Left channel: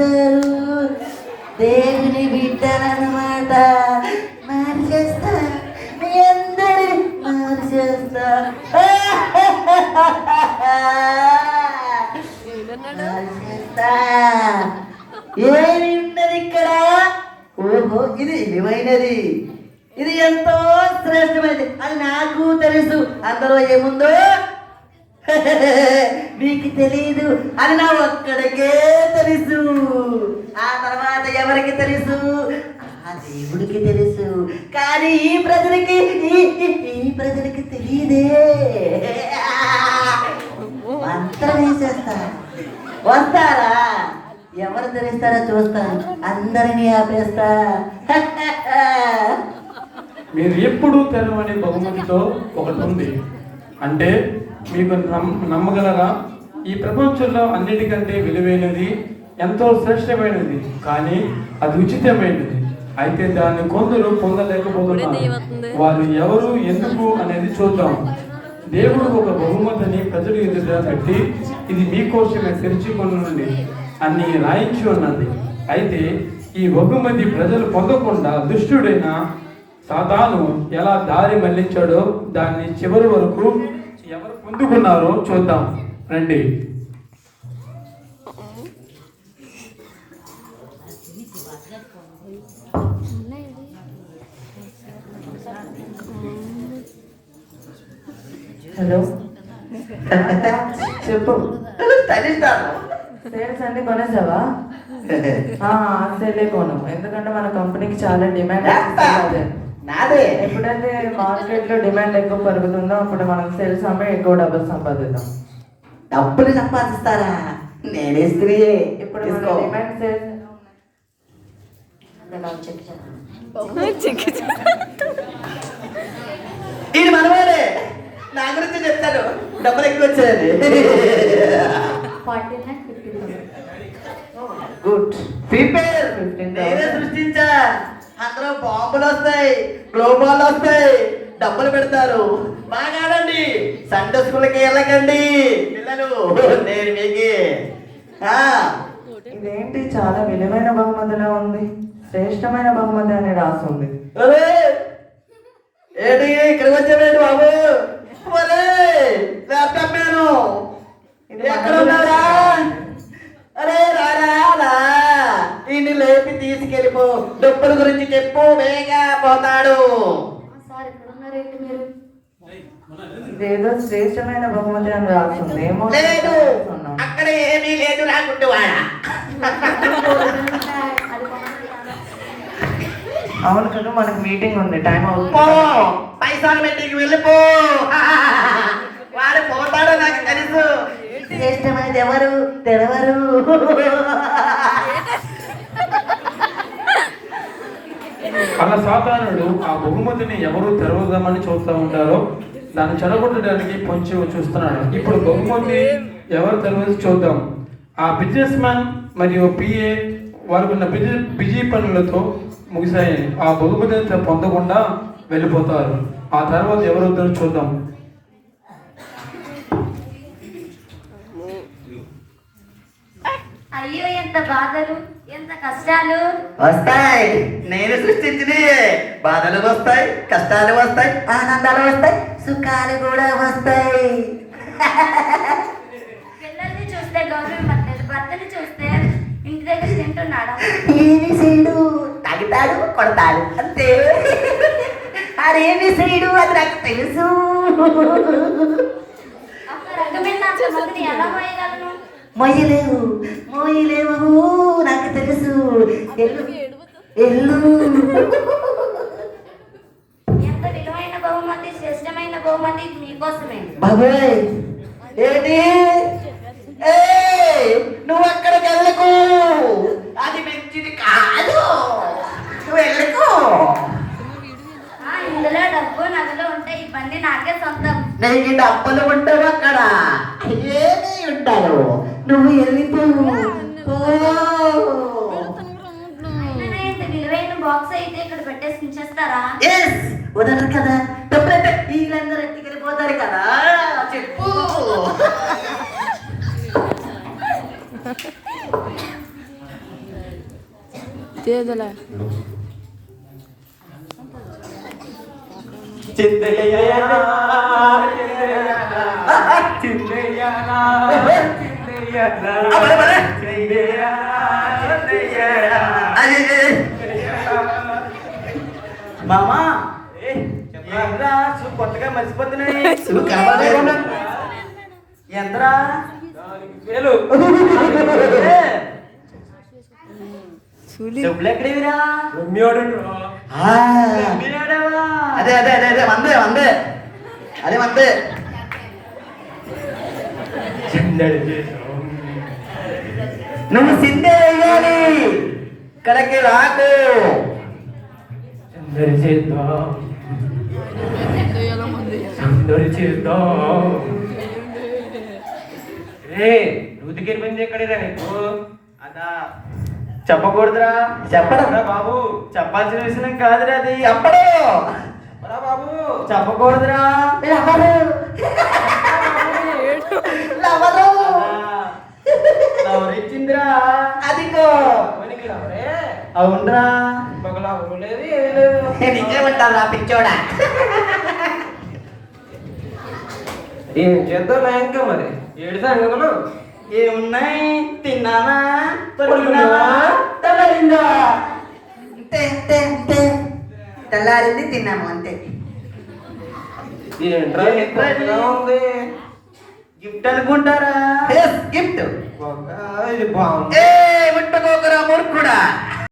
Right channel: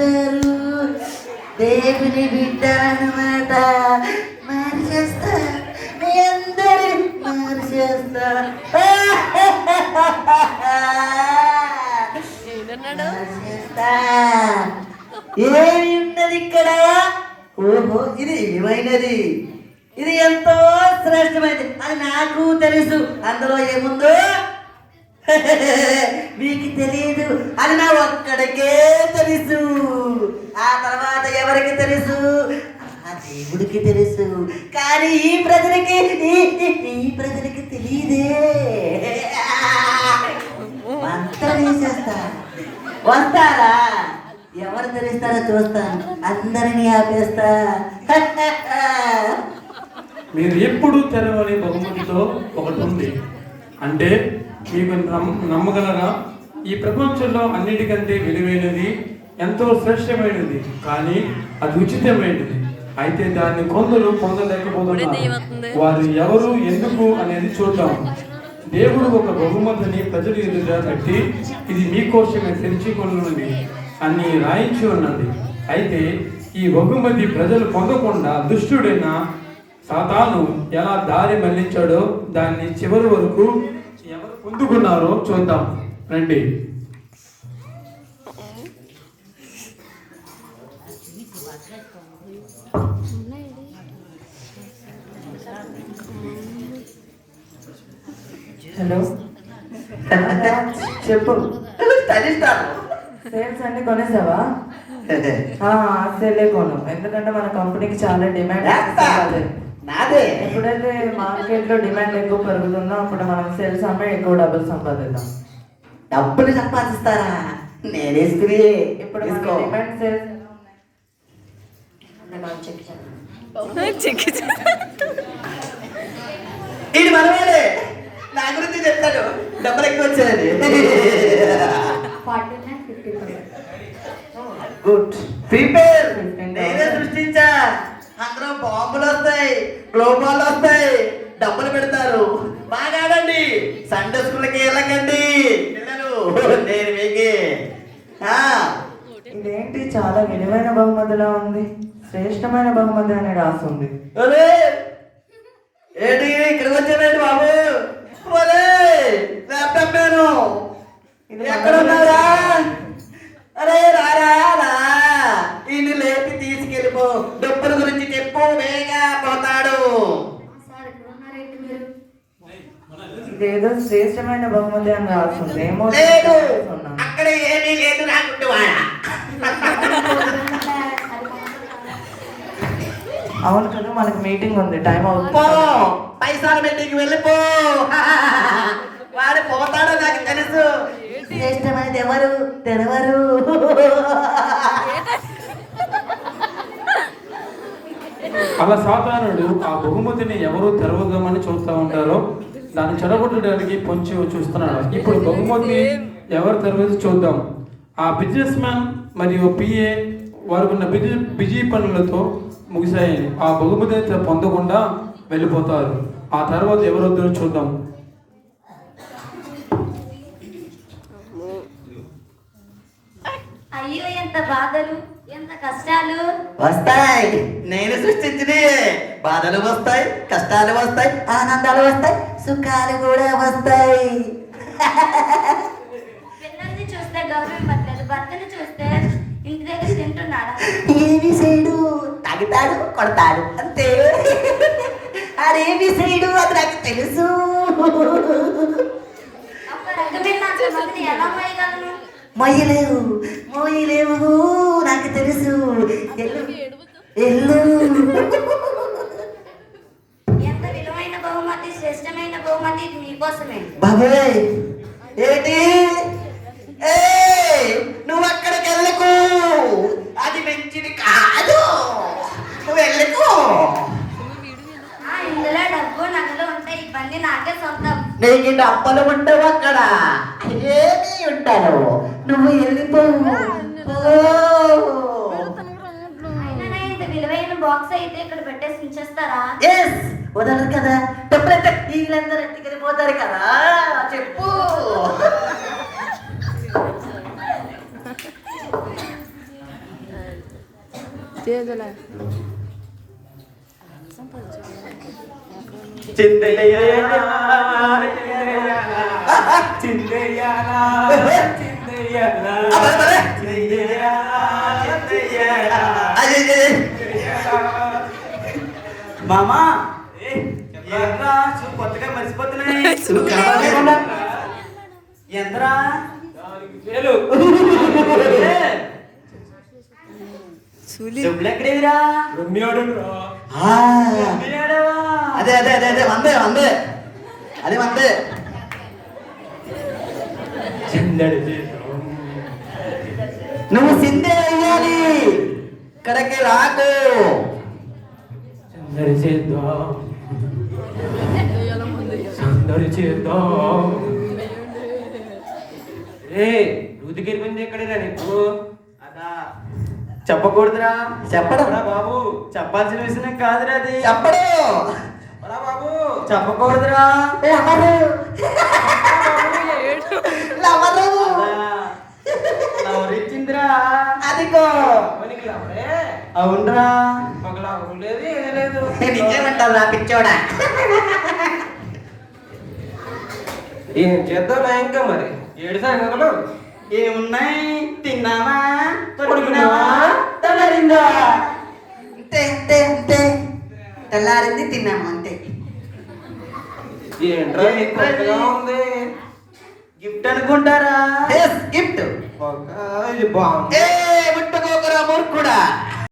అందరూ దేవుని బిడ్డలన్నమాట. మార్చేస్తా, మీ అందరూ మార్చేస్తా. ఏమి ఉన్నది ఇక్కడ? ఓహో, ఇది విలువైనది, ఇది ఎంతో శ్రేష్టమైనది అది నాకు తెలుసు. అందులో ఏముందో మీకు తెలియదు అని నా ఒక్కడికే తెలుసు. ఆ తర్వాత ఎవరికి తెలుసు? ఆ దేవుడికి తెలుసు. కానీ ఈ ప్రజలకి తెలియదే. అంతా చేస్తా. వస్తారా? ఎవరు తెలుస్తారో చూస్తాను. అందరినీ ఆపేస్తా. మీరు ఎప్పుడు తెరవని బహుమతితో ఒకటి ఉంది. అంటే మీకు నమ్మగలరా? ఈ ప్రపంచంలో అన్నిటికంటే విలువైనది, ఎంతో శ్రేష్టమైనది, కానీ అది ఉచితమైనది. అయితే దాన్ని కొందరు పొందలేకపోతున్నారు. వారు ఎవరు, ఎందుకు అనేది చూద్దాం. దేవుడు ఒక బహుమతిని ప్రజల ఎదుట పెట్టి, ఇది మీకోసమే తెరిచి కొనుండి అని రాయించి ఉన్నది. అయితే ఈ బహుమతి ప్రజలు పొందకుండా దుష్టుడైన సాతాను ఎలా దారి మళ్లించాడో దాన్ని చివరి వరకు ఎవరు పొందుకున్నారో చూద్దాం రండి. హలో, చెప్పు. సేల్స్ అన్ని కొనేసావా? సేలే కొను, ఎందుకంటే మన కంపెనీకి చాలా డిమాండ్. ఎప్పుడైతే మార్కెట్ లో డిమాండ్ ఎక్కువ పెరుగుతుందో అప్పుడు మనం సేల్స్ అమ్మి ఎక్కువ డబ్బులు సంపాదిద్దాం. డబ్బులు సంపాదిస్తారా? నేనే ఇప్పుడు డిమాండ్ సేల్స్ ఇది మనమేలే. నా గురించి చెప్తాడు, డబ్బులు ఎక్కువ వచ్చేది. Good prepare. నేనే సృష్టించా. అందులో బాంబులు వస్తాయి, గ్లోబాల్ వస్తాయి, డబ్బులు పెడతారు. బాగా ఆడండి. సండే స్కూల్కి వెళ్ళకండి పిల్లలు. నేను మీకే. ఇదేంటి చాలా విలువైన బహుమతిలా ఉంది. శ్రేష్టమైన బహుమతి అని రాస్తుంది. ఏంటి ఇక్కడ వచ్చావేంటి బాబు? ల్యాప్టాప్ నేను ఎక్కడ ఉన్నారా? అరే రారా, ఇన్ని లేపి తీసుకెళ్ళిపో. డబ్బుల గురించి చెప్పు, వేగా పోతాడు. ఇదేదో శ్రేష్టమైన బహుమతి అని రాస్తుంది. లేదు, అక్కడ ఏమీ లేదు. రాకుంటువాడా? అవును కదా, మనకి మీటింగ్ ఉంది, టైం అవుతుంది. పైసాల మీటింగ్ వెళ్ళిపో. వాడు పోతాడు, నాకు తెలుసు. శ్రేష్టమైనది ఎవరు తెలవరు. అలా సాతానుడు ఆ బహుమతిని ఎవరు తెరవదామని చూస్తూ ఉంటారో దాన్ని చెడగొట్టడానికి పొంచి చూస్తున్నాడు. ఇప్పుడు బహుమతి ఎవరు తెరవదు చూద్దాం. ఆ బిజినెస్ మ్యాన్ మరియు పిఏ వారికి ఉన్న బిజీ పనులతో ముగిసాయి. ఆ బహుమతిని పొందకుండా వెళ్ళిపోతారు. ఆ తర్వాత ఎవరు వద్దరు చూద్దాం. అయ్యో, ఎంత బాధలు, ఎంత కష్టాలు వస్తాయి. నేను సృష్టించిన బాధలు వస్తాయి, కష్టాలు వస్తాయి, ఆనందాలు వస్తాయి, సుఖాలు కూడా వస్తాయి. పిల్లల్ని చూస్తే గౌరవం పట్టలేదు, భర్తని చూస్తే ఇంటి దగ్గర తింటున్నాడు. ఏమి చేయడు, తాగుతాడు, కొడతాడు, అంతే. అదేమి చేయడు, అది నాకు తెలుసు. ఎలా మోయగలను? మోయలేవు, నాకు తెలుసు. ఎల్లు ఎంత విలువైన బహుమతి, శ్రేష్టమైన బహుమతి, ఇది మీకోసమే. బాబాయ్ ఏంటి? నువ్వు అక్కడికి వెళ్ళకు, అది మంచిది కాదు. నువ్వు వెళ్ళకు. ఇందులో డబ్బు నగలు ఉంటాయి. ఈ బండి నాకే సొంతం. నీకు డబ్బలు ఉంటావు అక్కడ, ఏమీ ఉంటాను. నువ్వు వెళ్ళిపోవు. ఇంత విలువైన బాక్స్ అయితే ఇక్కడ పెట్టేసి ఉంచేస్తారా? వదలరు కదా, డబ్బులంటే వీళ్ళందరూ ఎత్తుకెళ్ళిపోతారు కదా. చెప్పు. మామా ఏంట్రా కొత్తగా మర్చిపోతున్నాయి ఎంతరా డబ్బులెక్కడేదిరా అదే అదే అదే అదే వందే వందే అదే వందే నువ్వు సిందే వేయాలి ఇక్కడికి రాకు రుతికెళ్ళింది ఎక్కడేదా నీకు అదా చెప్పకూడదురా చెప్పడం బాబు చెప్పాల్సిన విషయం కాదురా అది చెప్పడు బాబు చెప్పకూడదురా ఎవరిచ్చిందిరా అదిగో అవునరా ఎవరు లేదు ఏం లేదు నిజమంటారా పిచ్చోడా ఏం చేద్దాం ఇంకా మరి ఏడు సంగతులు ఏమున్నాయి తిన్నావా పడుకున్నావా తెల్లారిందా అంతే అంతే అంతే తెల్లారింది తిన్నాము అంతే ఏంట్రా కొత్తగా ఉంది గిఫ్ట్ అనుకుంటారా గిఫ్ట్ ఇది బాగుంది ఏ ముట్టుకోకరా మూర్ఖుడా